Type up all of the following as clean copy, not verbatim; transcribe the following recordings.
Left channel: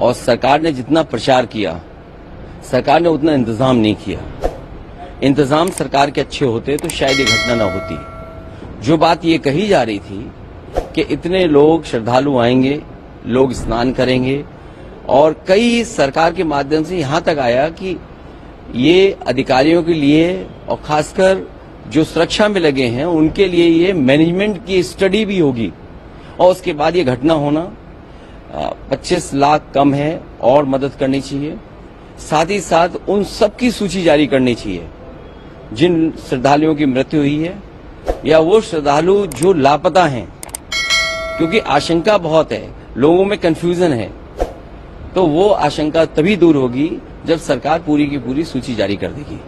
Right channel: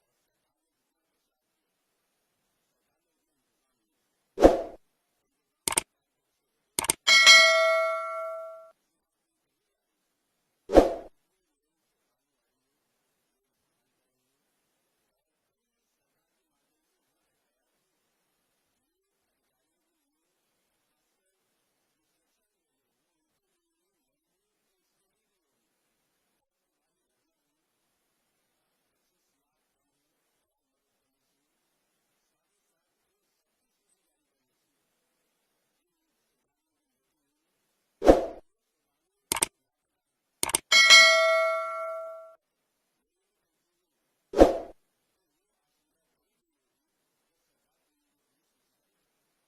और सरकार ने जितना प्रचार किया, सरकार ने उतना इंतजाम नहीं किया। इंतजाम सरकार के अच्छे होते तो शायद ये घटना न होती। जो बात ये कही जा रही थी कि इतने लोग श्रद्धालु आएंगे, लोग स्नान करेंगे, और कई सरकार के माध्यम से यहां तक आया कि ये अधिकारियों के लिए और खासकर जो सुरक्षा में लगे हैं उनके लिए ये मैनेजमेंट की स्टडी भी होगी, और उसके बाद ये घटना होना 25 लाख कम है और मदद करनी चाहिए। साथ ही साथ उन सबकी सूची जारी करनी चाहिए जिन श्रद्धालुओं की मृत्यु हुई है या वो श्रद्धालु जो लापता हैं, क्योंकि आशंका बहुत है, लोगों में कंफ्यूजन है। तो वो आशंका तभी दूर होगी जब सरकार पूरी की पूरी सूची जारी कर देगी।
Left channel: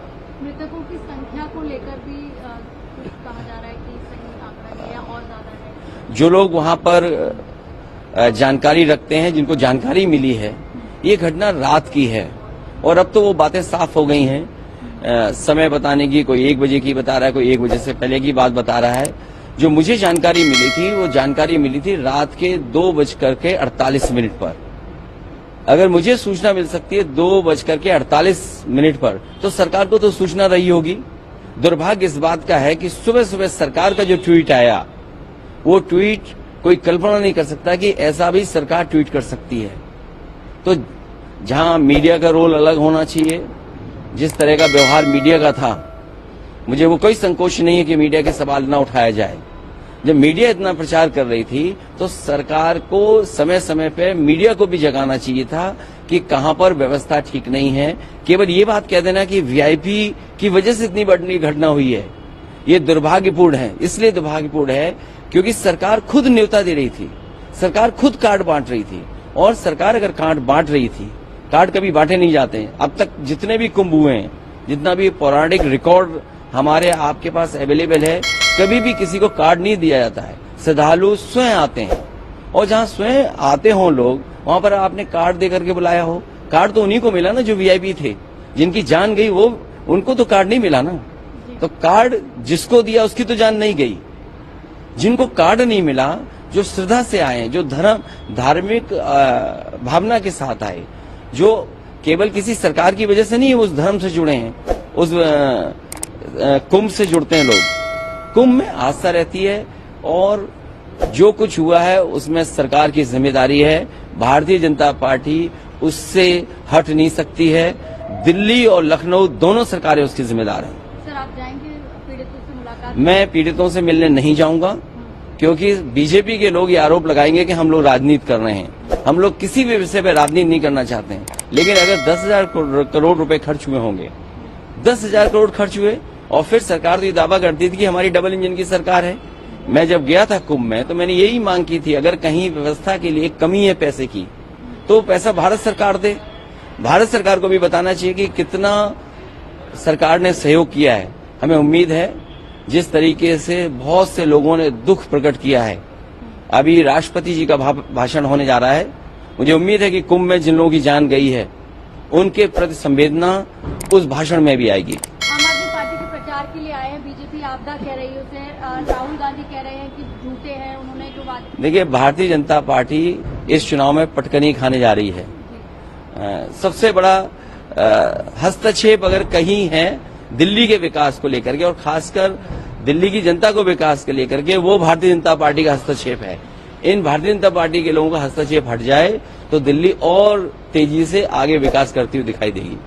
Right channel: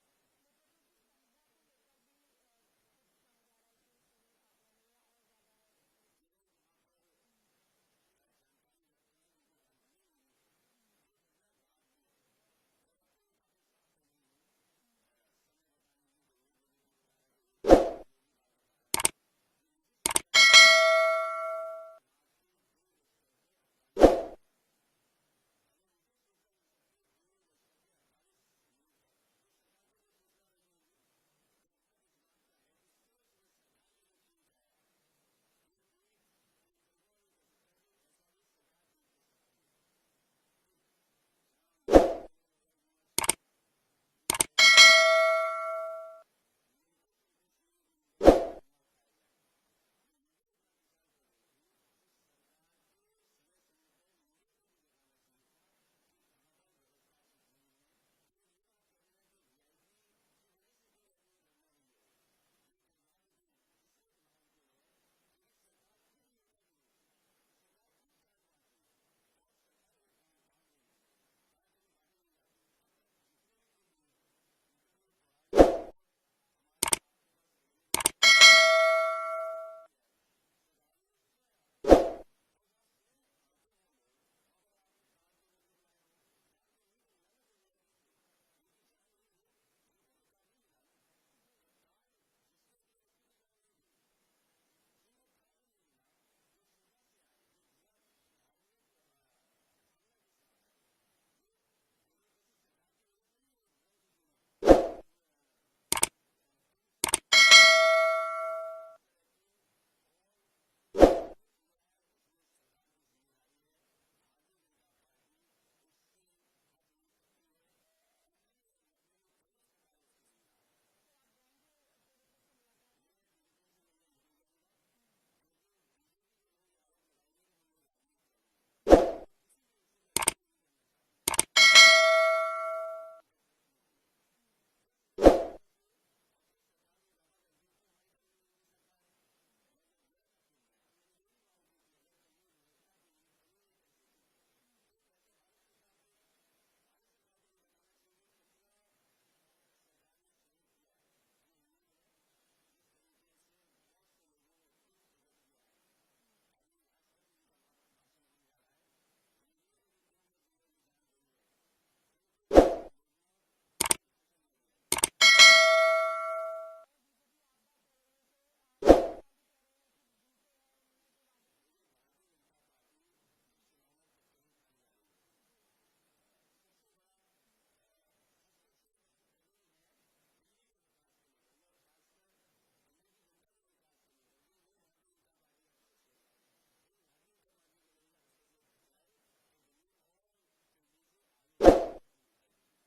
मृतकों की संख्या को लेकर भी कुछ कहा जा रहा है कि सही आंकड़ा है या और ज्यादा है। जो लोग वहां पर जानकारी रखते हैं, जिनको जानकारी मिली है, ये घटना रात की है और अब तो वो बातें साफ हो गई हैं। समय बताने की, कोई 1 बजे की बता रहा है, कोई 1 बजे से पहले की बात बता रहा है। जो मुझे जानकारी मिली थी वो जानकारी मिली थी रात के 2:48 पर। अगर मुझे सूचना मिल सकती है 2:48 पर, तो सरकार को तो सूचना रही होगी। दुर्भाग्य इस बात का है कि सुबह सुबह सरकार का जो ट्वीट आया, वो ट्वीट कोई कल्पना नहीं कर सकता कि ऐसा भी सरकार ट्वीट कर सकती है। तो जहां मीडिया का रोल अलग होना चाहिए, जिस तरह का व्यवहार मीडिया का था, मुझे वो कोई संकोच नहीं है कि मीडिया के सवाल न उठाया जाए। जब मीडिया इतना प्रचार कर रही थी तो सरकार को समय समय पे मीडिया को भी जगाना चाहिए था कि कहां पर व्यवस्था ठीक नहीं है। केवल ये बात कह देना कि वीआईपी की वजह से इतनी बड़ी घटना हुई है, ये दुर्भाग्यपूर्ण है। इसलिए दुर्भाग्यपूर्ण है क्योंकि सरकार खुद न्योता दे रही थी, सरकार खुद कार्ड बांट रही थी, और सरकार अगर कार्ड बांट रही थी, कार्ड कभी बांटे नहीं जाते हैं। अब तक जितने भी कुंभ हुए हैं, जितना भी पौराणिक रिकॉर्ड हमारे आपके पास अवेलेबल है, कभी भी किसी को कार्ड नहीं दिया जाता है। श्रद्धालु स्वयं आते हैं, और जहां स्वयं आते हों लोग, वहां पर आपने कार्ड दे करके बुलाया हो। कार्ड तो उन्हीं को मिला ना जो वीआईपी थे, जिनकी जान गई वो, उनको तो कार्ड नहीं मिला ना। तो कार्ड जिसको दिया उसकी तो जान नहीं गई। जिनको कार्ड नहीं मिला, जो श्रद्धा से आए, जो धार्मिक भावना के साथ आए, जो केवल किसी सरकार की वजह से नहीं उस धर्म से जुड़े हैं, उस कुंभ से जुड़ते हैं लोग। कुंभ में आस्था रहती है, और जो कुछ हुआ है उसमें सरकार की जिम्मेदारी है। भारतीय जनता पार्टी उससे हट नहीं सकती है। दिल्ली और लखनऊ दोनों सरकारें उसकी जिम्मेदार हैं। सर, आप जाएंगे पीड़ितों से मुलाकात? मैं पीड़ितों से मिलने नहीं जाऊंगा, क्योंकि बीजेपी के लोग ये आरोप लगाएंगे कि हम लोग राजनीति कर रहे हैं। हम लोग किसी भी विषय पर राजनीति नहीं करना चाहते हैं। लेकिन अगर 10,000 करोड़ रुपए खर्च हुए होंगे, 10,000 करोड़ खर्च हुए, और फिर सरकार तो ये दावा करती थी कि हमारी डबल इंजन की सरकार है। मैं जब गया था कुंभ में तो मैंने यही मांग की थी, अगर कहीं व्यवस्था के लिए कमी है पैसे की, तो पैसा भारत सरकार दे। भारत सरकार को भी बताना चाहिए कि कितना सरकार ने सहयोग किया है। हमें उम्मीद है, जिस तरीके से बहुत से लोगों ने दुख प्रकट किया है, अभी राष्ट्रपति जी का भाषण होने जा रहा है, मुझे उम्मीद है कि कुंभ में जिन लोगों की जान गई है उनके प्रति संवेदना उस भाषण में भी आएगी। आम आदमी पार्टी के प्रचार के लिए आए हैं, बीजेपी आपदा कह रही है उसे, राहुल गांधी कह रहे हैं कि झूठे हैं, उन्होंने जो बात। देखिए, भारतीय जनता पार्टी इस चुनाव में पटकनी खाने जा रही है। सबसे बड़ा हस्तक्षेप अगर कहीं है दिल्ली के विकास को लेकर के, और खासकर दिल्ली की जनता को विकास के लेकर के, वो भारतीय जनता पार्टी का हस्तक्षेप है। इन भारतीय जनता पार्टी के लोगों का हस्तक्षेप हट जाए तो दिल्ली और तेजी से आगे विकास करती हुई दिखाई देगी।